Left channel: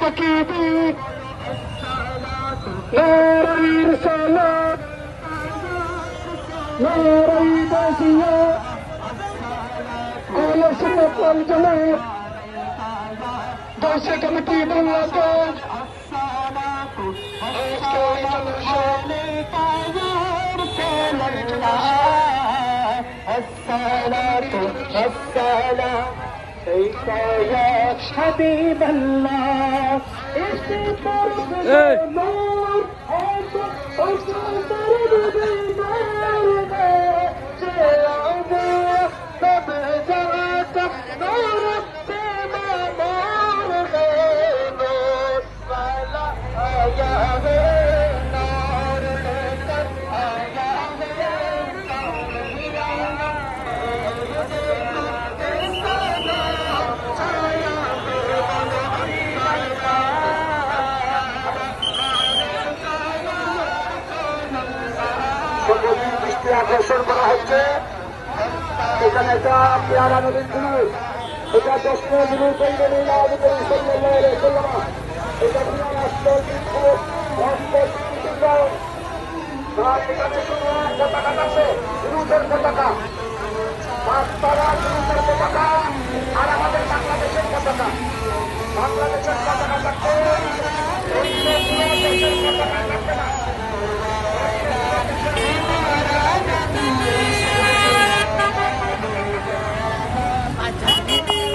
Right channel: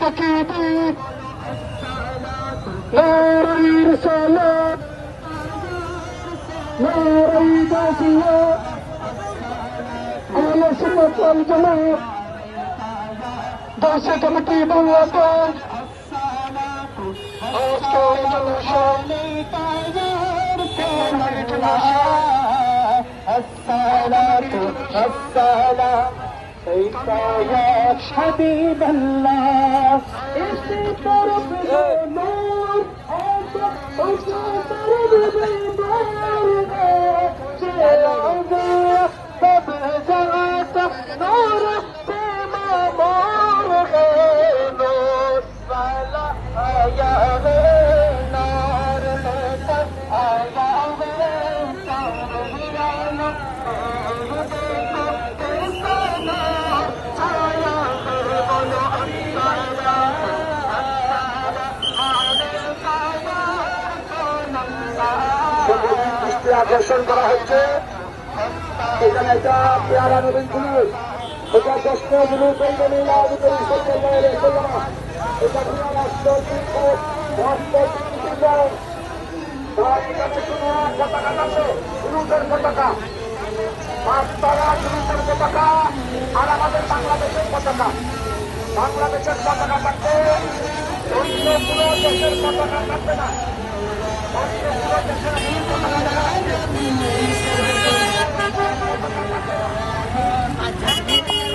तकी मेर मोर ई द पंजमी दोसिक न का الله الصلاة الصلاة حبيب الله انت দৃষ্টি আকর্ষণ করা হচ্ছে। এখানে একটা পেয়ারা নদীর জুলুস এটা দক্ষ জুলুস কোনো পতাকা আর আমাদের বাংলাদেশের পতাকা বাংলা